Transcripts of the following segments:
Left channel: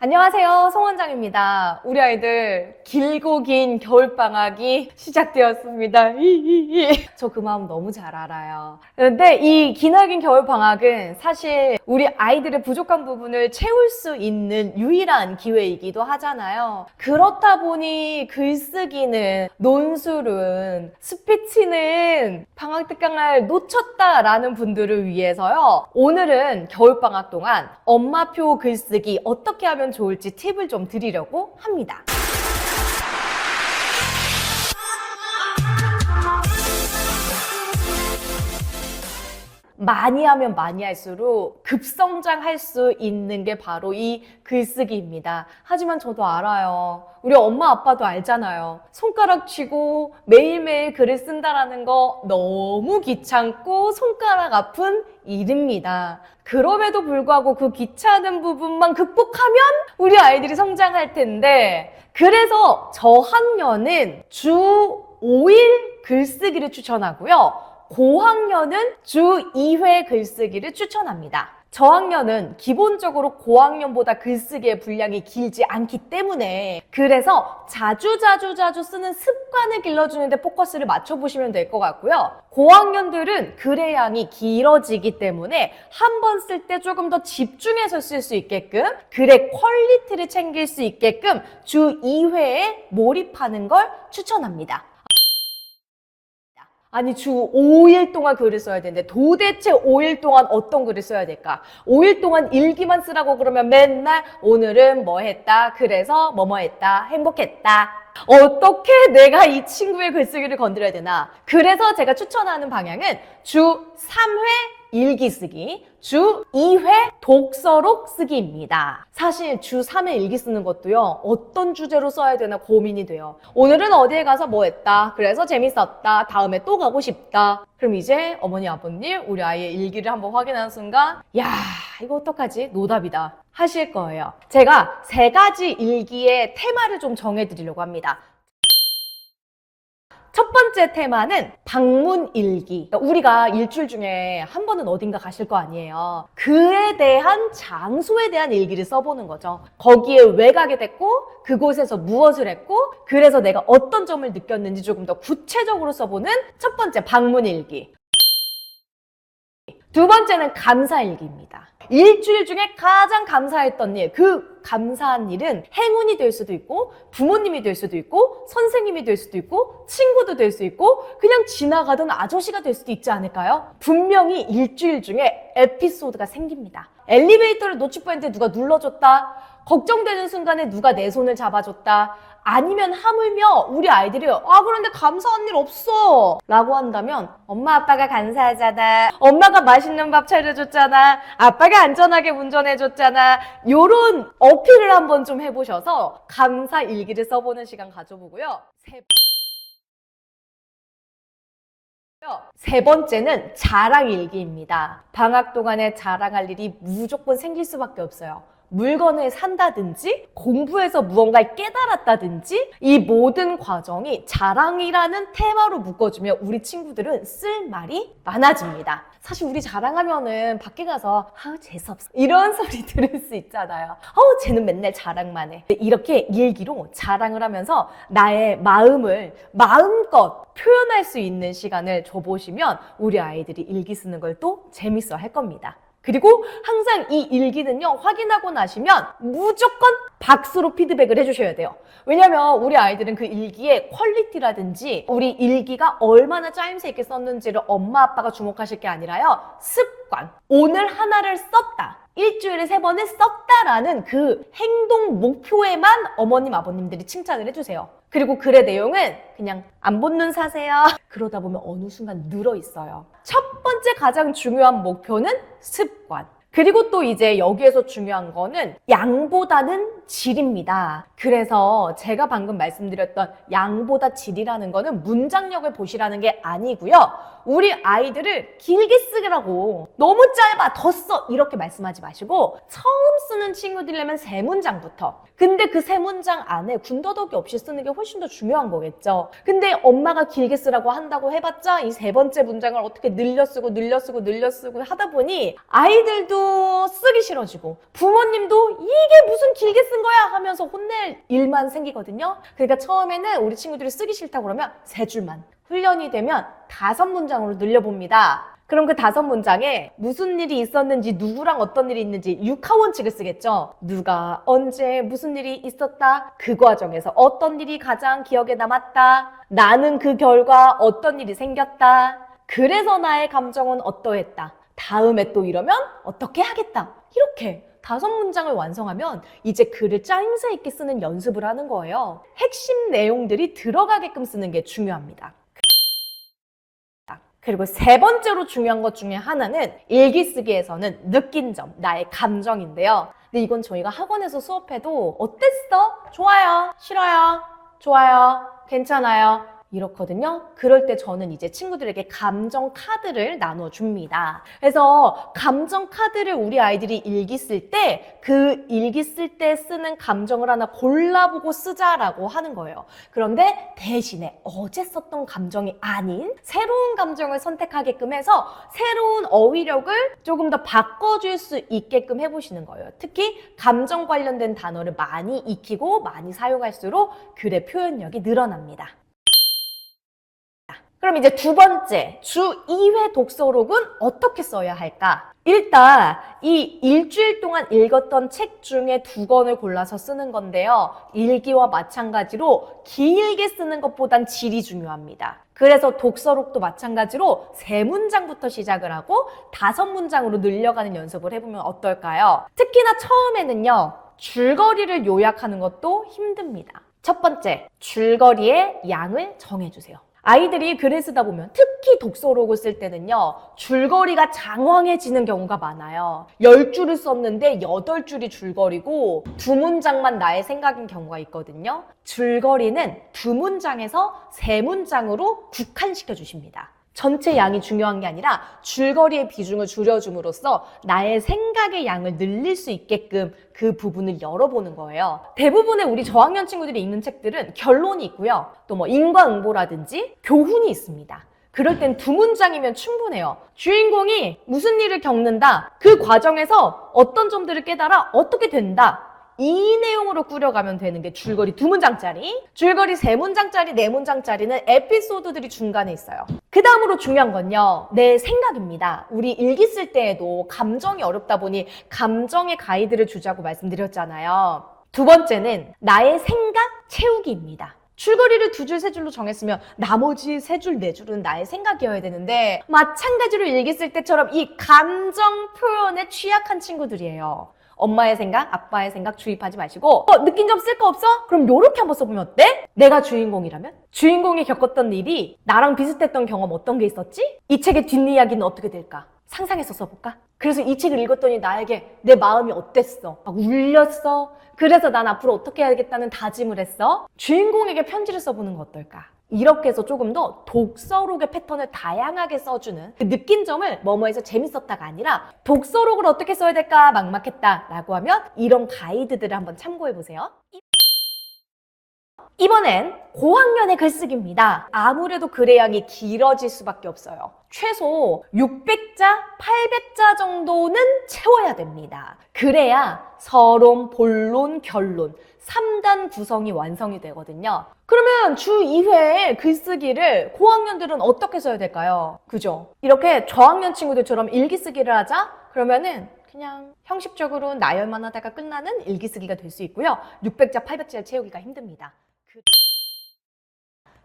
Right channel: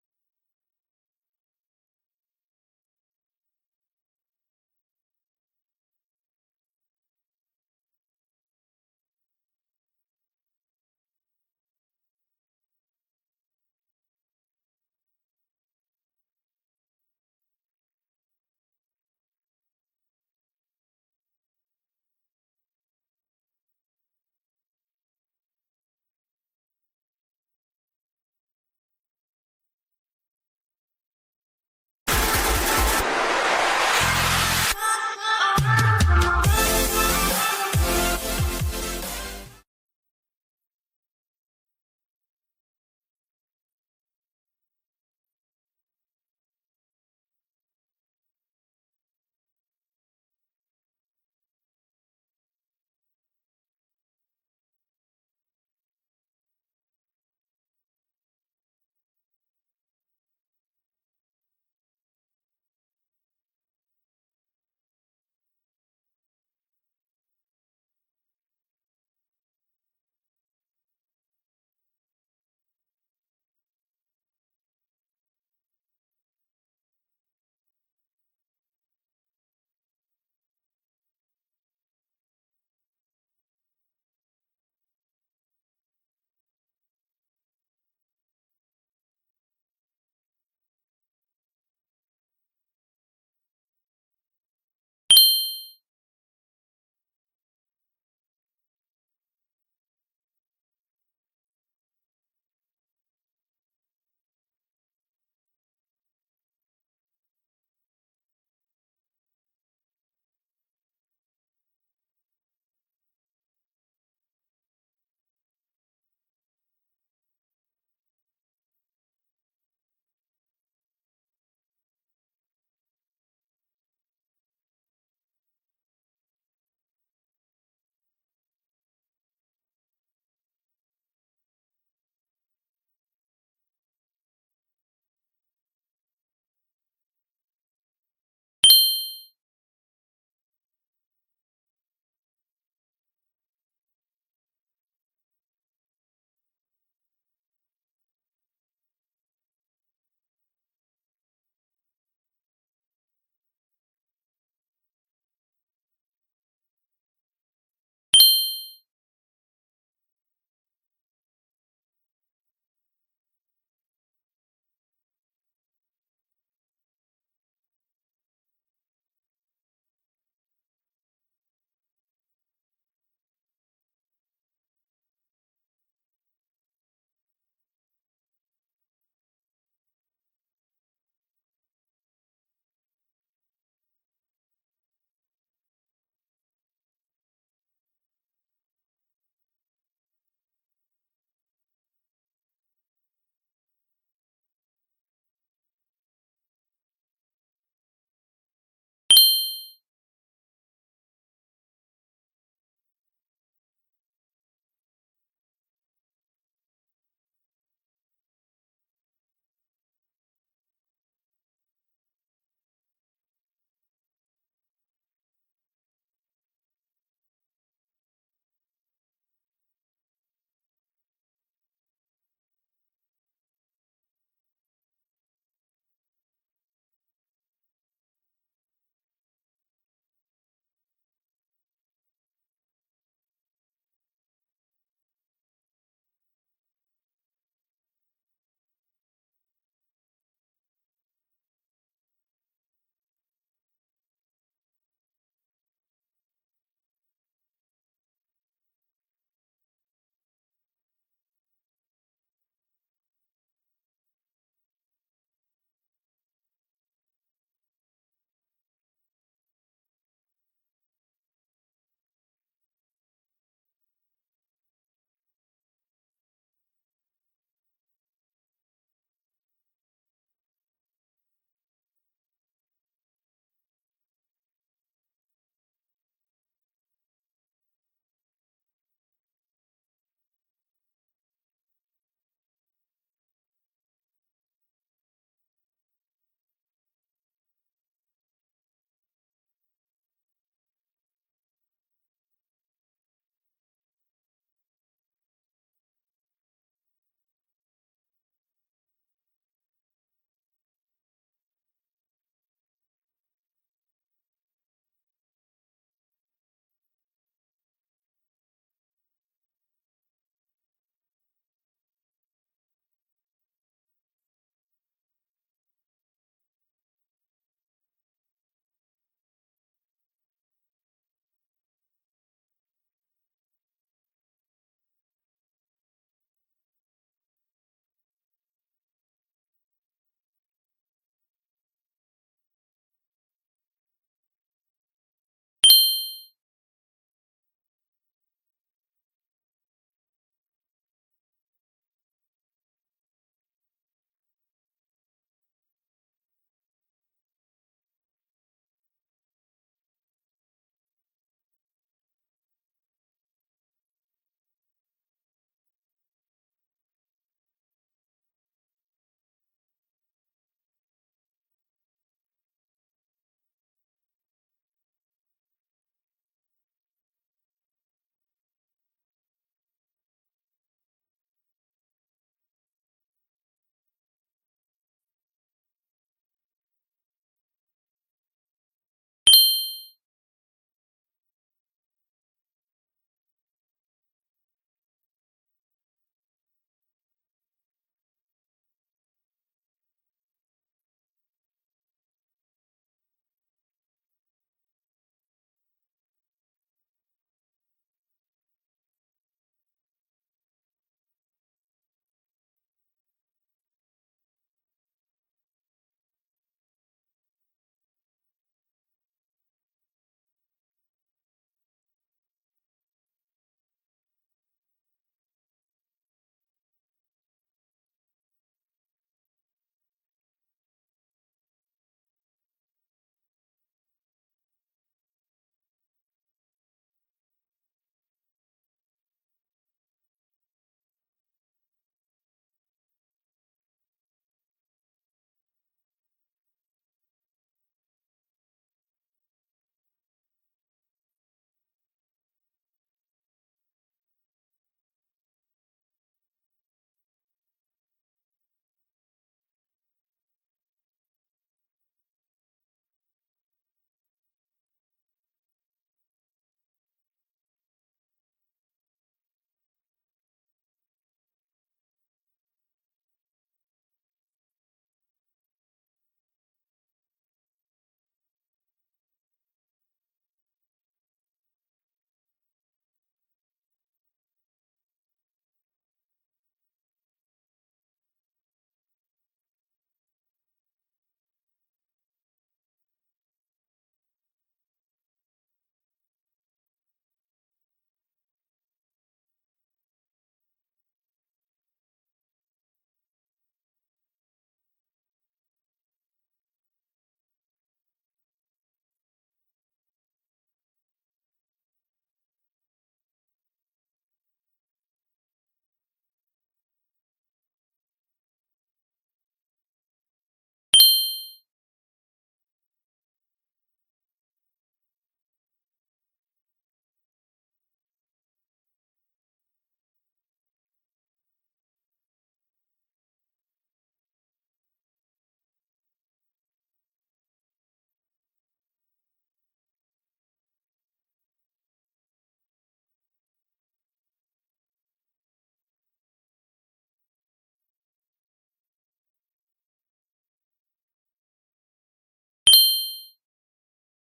안녕하세요, 송 원장입니다. 우리 아이들 길고 긴 겨울방학이 시작되었습니다. 저 그 마음 너무 잘 알아요. 그런데 이 기나긴 겨울방학은 사실 우리 아이들의 부족한 부분을 채울 수 있는 유일한 기회이기도 하잖아요. 그렇다 보니 글쓰기는, 논술은, 스피치는 방학 특강을 놓쳤다라는 분들을 위해서요. 오늘은 겨울방학 동안 엄마표 글쓰기 어떻게 하면 좋을지 팁을 좀 드리려고 합니다. 많이 하면 많이 할수록 급성장할 수 있는 게 바로 이 글쓰기입니다. 하지만 저도 알아요. 우리 엄마 아빠도 알잖아요. 손가락 쥐고 매일매일 글을 쓴다라는 거 너무 귀찮고 손가락 아픈 일입니다. 그럼에도 불구하고 그 귀찮은 부분만 극복하면 우리 아이들이 성장할 텐데, 그래서 저학년은 주 5일 글쓰기를 추천하고요. 고학년은 주 2회 글쓰기를 추천합니다. 저학년은 기본적으로 고학년보다 글쓰기의 분량이 길지 않기 때문에, 그래서 자주 쓰는 습관을 길러주는 데 포커스를 맞춰보시면 될 것 같고요. 고학년들은 글의 양이 길어지기 때문에 한 번 쓸 때 조금 더 집중해서 쓸 수 있게끔, 글의 퀄리티를 챙길 수 있게끔 주 2회에 몰입하는 걸 추천합니다. 아니, 주 5일 동안 글을 써야 되는데 도대체 5일 동안 어떤 글을 써야 될까? 5일 동안 일기만 쓰라고 그러면 맨날 오늘은 뭐 했다, 그래서 뭐뭐 했다, 행복했다. 어떻게 내가 이 친구의 글쓰기를 건드려야 되나? 그래서 제가 추천하는 방향은 주 3회 일기 쓰기, 주 2회 독서록 쓰기입니다. 사실 주 3회 일기 쓰는 것도요, 어떤 주제로 써야 되나 고민이 돼요. 오늘은 어디에 가서 뭐 했다, 그래서 재밌었다, 다음에 또 가고 싶다. 그럼 이제 어머니 아버님 우리 아이의 일기를 한번 확인하는 순간, 야, 이거 어떡하지? 노답이다 하실 거예요. 제가 3가지 일기의 테마를 좀 정해드리려고 합니다. 첫 번째 테마는 방문 일기. 그러니까 우리가 일주일 중에 한 번은 어딘가 가실 거 아니에요. 그에 대한 장소에 대한 일기를 써보는 거죠. 거기에 왜 가게 됐고, 그곳에서 무엇을 했고, 그래서 내가 어떤 점을 느꼈는지 조금 더 구체적으로 써보는 첫 번째 방문 일기. 두 번째는 감사 일기입니다. 일주일 중에 가장 감사했던 일, 그 감사한 일은 행운이 될 수도 있고, 부모님이 될 수도 있고, 선생님이 될 수도 있고, 친구도 될 수 있고, 그냥 지나가던 아저씨가 될 수도 있지 않을까요? 분명히 일주일 중에 에피소드가 생깁니다. 엘리베이터를 놓칠 뻔했는데 누가 눌러줬다, 걱정되는 순간에 누가 내 손을 잡아줬다, 아니면 하물며 우리 아이들이 그런데 감사한 일 없어 라고 한다면, 엄마 아빠가 감사하잖아, 엄마가 맛있는 밥 차려줬잖아, 아빠가 안전하게 운전해줬잖아, 요런 어필을 한번 좀 해보셔서 감사 일기를 써보는 시간 가져보고요. 세 번째는 자랑 일기입니다. 방학 동안에 자랑할 일이 무조건 생길 수밖에 없어요. 물건을 산다든지 공부해서 무언가를 깨달았다든지, 이 모든 과정이 자랑이라는 테마로 묶어주면 우리 친구들은 쓸 말이 많아집니다. 사실 우리 자랑하면은 밖에 가서 재수없어 이런 소리 들을 수 있잖아요. 쟤는 맨날 자랑만 해. 이렇게 일기로 자랑을 하면서 나의 마음을 마음껏 표현할 수 있는 시간을 줘보시면 우리 아이들이 일기 쓰는 걸 또 재밌어 할 겁니다. 그리고 항상 이 일기는요, 확인하고 나시면 무조건 박수로 피드백을 해주셔야 돼요. 왜냐면 우리 아이들은 그 일기의 퀄리티라든지 우리 일기가 얼마나 짜임새 있게 썼는지를 엄마 아빠가 주목하실 게 아니라요, 습관, 오늘 하나를 썼다, 일주일에 3번을 썼다라는 그 행동 목표에만 어머님 아버님들이 칭찬을 해주세요. 그리고 글의 내용은 그냥 안 본눈 사세요. 그러다 보면 어느 순간 늘어 있어요. 첫 번째 가장 중요한 목표는 습관. 그리고 또 이제 여기에서 중요한 거는 양보다는 질입니다. 그래서 제가 방금 말씀드렸던 양보다 질이라는 거는 문장력을 보시라는 게 아니고요. 우리 아이들을 길게 쓰라고, 너무 짧아 더 써 이렇게 말씀하지 마시고, 처음 쓰는 친구들이라면 3문장부터. 근데 그 3문장 안에 군더더기 없이 쓰는 게 훨씬 더 중요한 거겠죠. 근데 엄마가 길게 쓰라고 한다고 해봤자 이 3번째 문장을 어떻게 늘려 쓰고 하다 보니 아이들도 쓰기 싫어지고 부모님도 이게 무슨 길게 쓴 거야 하면서 혼낼 일만 생기거든요. 그러니까 처음에는 우리 친구들이 쓰기 싫다고 그러면 3줄만. 훈련이 되면 5문장으로 늘려봅니다. 그럼 그 5문장에 무슨 일이 있었는지, 누구랑 어떤 일이 있는지 육하원칙을 쓰겠죠. 누가 언제 무슨 일이 있었다, 그 과정에서 어떤 일이 가장 기억에 남았다, 나는 그 결과 어떤 일이 생겼다, 그래서 나의 감정은 어떠했다, 다음에 또 이러면 어떻게 하겠다. 이렇게 5문장을 완성하면 이제 글을 짜임새 있게 쓰는 연습을 하는 거예요. 핵심 내용들이 들어가게끔 쓰는 게 중요합니다. 그리고 3번째로 중요한 것 중에 하나는 일기 쓰기에서는 느낀 점, 나의 감정인데요. 근데 이건 저희가 학원에서 수업해도 어땠어? 좋아요, 싫어요, 좋아요, 괜찮아요, 이렇거든요. 그럴 때 저는 이제 친구들에게 감정 카드를 나눠줍니다. 그래서 감정 카드를 우리 아이들이 일기 쓸 때 그 일기 쓸 때 쓰는 감정을 하나 골라보고 쓰자라고 하는 거예요. 그런데 대신에 어제 썼던 감정이 아닌 새로운 감정을 선택하게끔 해서 새로운 어휘력을 조금 더 바꿔줄 수 있게끔 해보시는 거예요. 특히 감정 관련된 단어를 많이 익히고 많이 사용할수록 글의 표현력이 늘어납니다. 그럼 이제 2번째, 주 2회 독서록은 어떻게 써야 할까? 일단 이 일주일 동안 읽었던 책 중에 2권을 골라서 쓰는 건데요. 일기와 마찬가지로 길게 쓰는 것보단 질이 중요합니다. 그래서 독서록도 마찬가지로 3문장부터 시작을 하고 5문장으로 늘려가는 연습을 해보면 어떨까요? 특히나 처음에는요, 줄거리를 요약하는 것도 힘듭니다. 첫 번째, 줄거리의 양을 정해주세요. 아이들이 글을 쓰다 보면 특히 독서록을 쓸 때는요, 줄거리가 장황해지는 경우가 많아요. 10줄을 썼는데 8줄이 줄거리고 2문장만 나의 생각인 경우가 있거든요. 줄거리는 2문장에서 3문장으로 국한시켜 주십니다. 전체 양이 중요한 게 아니라 줄거리의 비중을 줄여줌으로써 나의 생각의 양을 늘릴 수 있게끔 그 부분을 열어보는 거예요. 대부분의 우리 저학년 친구들이 읽는 책들은 결론이 있고요. 또 뭐 인과응보라든지 교훈이 있습니다. 그럴 땐 2문장이면 충분해요. 주인공이 무슨 일을 겪는다, 그 과정에서 어떤 점들을 깨달아 어떻게 된다, 이 내용으로 꾸려가면 되는 게 줄거리 2문장짜리, 줄거리 3문장짜리, 4문장짜리는 에피소드들이 중간에 있어요. 그 다음으로 중요한 건요, 내 생각입니다. 우리 일기 쓸 때에도 감정이 어렵다 보니 감정의 가이드를 주자고 말씀드렸잖아요. 2번째는 나의 생각 채우기입니다. 줄거리를 2줄, 3줄로 정했으면 나머지 3줄, 4줄은 나의 생각이어야 되는데 마찬가지로 일기 쓸 때처럼 이 감정 표현에 취약한 친구들이에요. 엄마의 생각, 아빠의 생각 주입하지 마시고 느낀 점 쓸 거 없어? 그럼 요렇게 한번 써보면 어때? 내가 주인공이라면? 주인공이 겪었던 일이 나랑 비슷했던 경험 어떤 게 있었지? 이 책의 뒷이야기는 어떻게 될까? 상상해서 써볼까? 그래서 이 책을 읽었더니 나에게 내 마음이 어땠어? 막 울렸어? 그래서 난 앞으로 어떻게 해야겠다는 다짐을 했어? 주인공에게 편지를 써보는 거 어떨까? 이렇게 해서 조금 더 독서록의 패턴을 다양하게 써주는 그 느낀 점을 뭐뭐해서 재밌었다가 아니라 독서록을 어떻게 써야 될까 막막했다 라고 하면 이런 가이드들을 한번 참고해보세요. 이번엔 고학년의 글쓰기입니다. 아무래도 글의 양이 길어질 수밖에 없어요. 최소 600자, 800자 정도는 채워야 됩니다. 그래야 서론, 본론, 결론 3단 구성이 완성이 되거든요. 그러면 주 2회 글쓰기를 고학년들은 어떻게 써야 될까요? 그죠? 이렇게 저학년 친구들처럼 일기쓰기를 하자? 그러면은 그냥 형식적으로 나열만 하다가 끝나는 일기쓰기가 될 수 있고요. 600자, 800자를 채우기가 힘듭니다.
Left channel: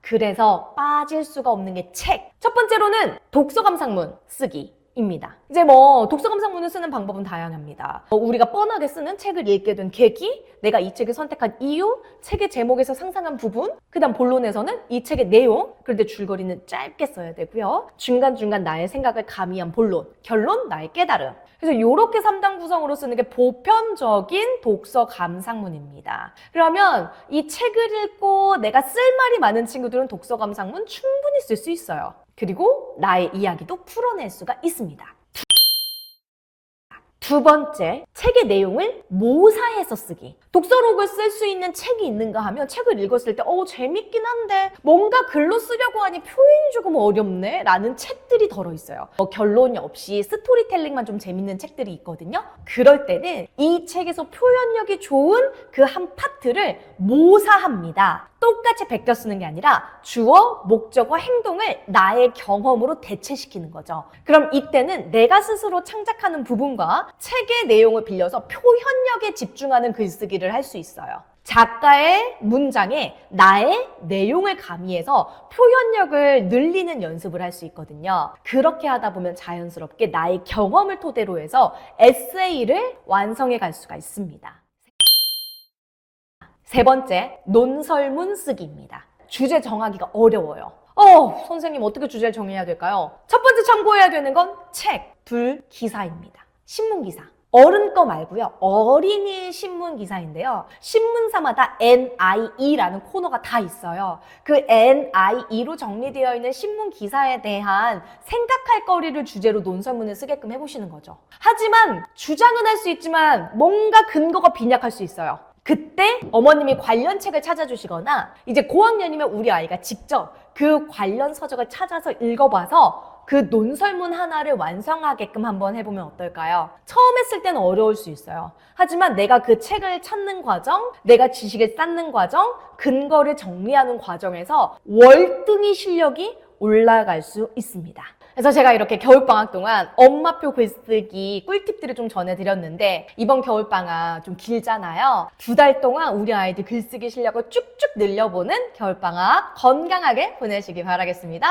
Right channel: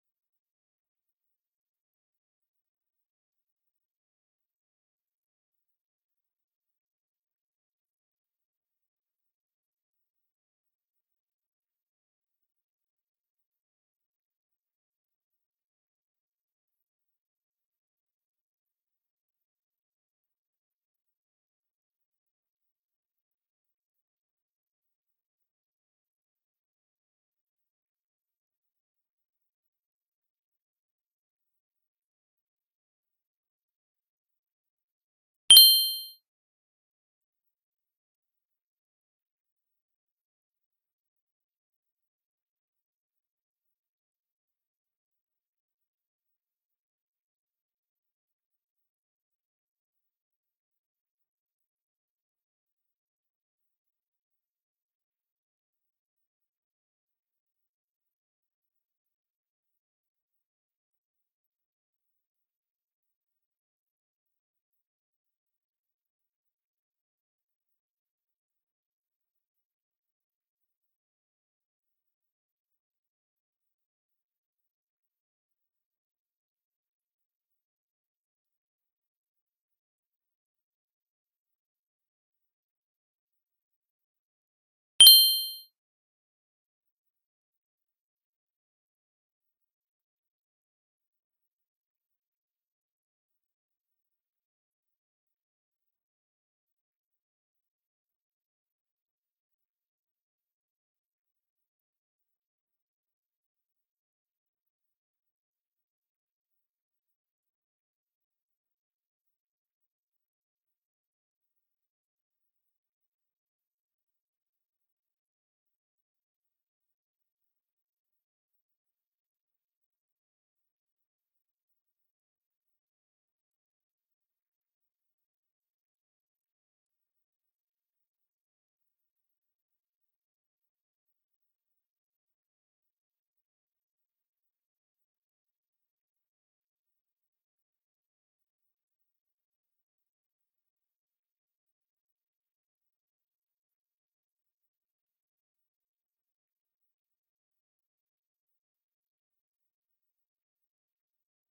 그래서 빠질 수가 없는 게 책. 첫 번째로는 독서감상문 쓰기입니다. 이제 뭐 독서감상문을 쓰는 방법은 다양합니다. 우리가 뻔하게 쓰는 책을 읽게 된 계기, 내가 이 책을 선택한 이유, 책의 제목에서 상상한 부분, 그 다음 본론에서는 이 책의 내용, 그런데 줄거리는 짧게 써야 되고요. 중간중간 나의 생각을 가미한 본론, 결론, 나의 깨달음. 그래서 이렇게 3단 구성으로 쓰는 게 보편적인 독서 감상문입니다. 그러면 이 책을 읽고 내가 쓸 말이 많은 친구들은 독서 감상문 충분히 쓸 수 있어요. 그리고 나의 이야기도 풀어낼 수가 있습니다. 두 번째, 책의 내용을 모사해서 쓰기. 독서록을 쓸 수 있는 책이 있는가 하면 책을 읽었을 때 재밌긴 한데 뭔가 글로 쓰려고 하니 표현이 조금 어렵네 라는 책들이 덜어있어요. 결론이 없이 스토리텔링만 좀 재밌는 책들이 있거든요. 그럴 때는 이 책에서 표현력이 좋은 그 한 파트를 모사합니다. 똑같이 베껴 쓰는 게 아니라 주어, 목적어, 행동을 나의 경험으로 대체시키는 거죠. 그럼 이때는 내가 스스로 창작하는 부분과 책의 내용을 빌려서 표현력에 집중하는 글쓰기를 할 수 있어요. 작가의 문장에 나의 내용을 가미해서 표현력을 늘리는 연습을 할 수 있거든요. 그렇게 하다 보면 자연스럽게 나의 경험을 토대로 해서 에세이를 완성해 갈 수가 있습니다. 세 번째, 논설문 쓰기입니다. 주제 정하기가 어려워요. 선생님 어떻게 주제를 정해야 될까요? 첫 번째 참고해야 되는 건 책, 둘, 기사입니다. 신문기사. 어른 거 말고요. 어린이 신문 기사인데요. 신문사마다 NIE라는 코너가 다 있어요. 그 NIE로 정리되어 있는 신문 기사에 대한 생각할 거리를 주제로 논설문을 쓰게끔 해보시는 거죠. 하지만 주장은 할 수 있지만 뭔가 근거가 빈약할 수 있어요. 그때 어머님이 관련 책을 찾아주시거나 이제 고학년이면 우리 아이가 직접 그 관련 서적을 찾아서 읽어봐서 그 논설문 하나를 완성하게끔 한번 해보면 어떨까요? 처음 했을 때는 어려울 수 있어요. 하지만 내가 그 책을 찾는 과정, 내가 지식을 쌓는 과정, 근거를 정리하는 과정에서 월등히 실력이 올라갈 수 있습니다. 그래서 제가 이렇게 겨울방학 동안 엄마표 글쓰기 꿀팁들을 좀 전해드렸는데 이번 겨울방학 좀 길잖아요. 2달 동안 우리 아이들 글쓰기 실력을 쭉쭉 늘려보는 겨울방학 건강하게 보내시기 바라겠습니다.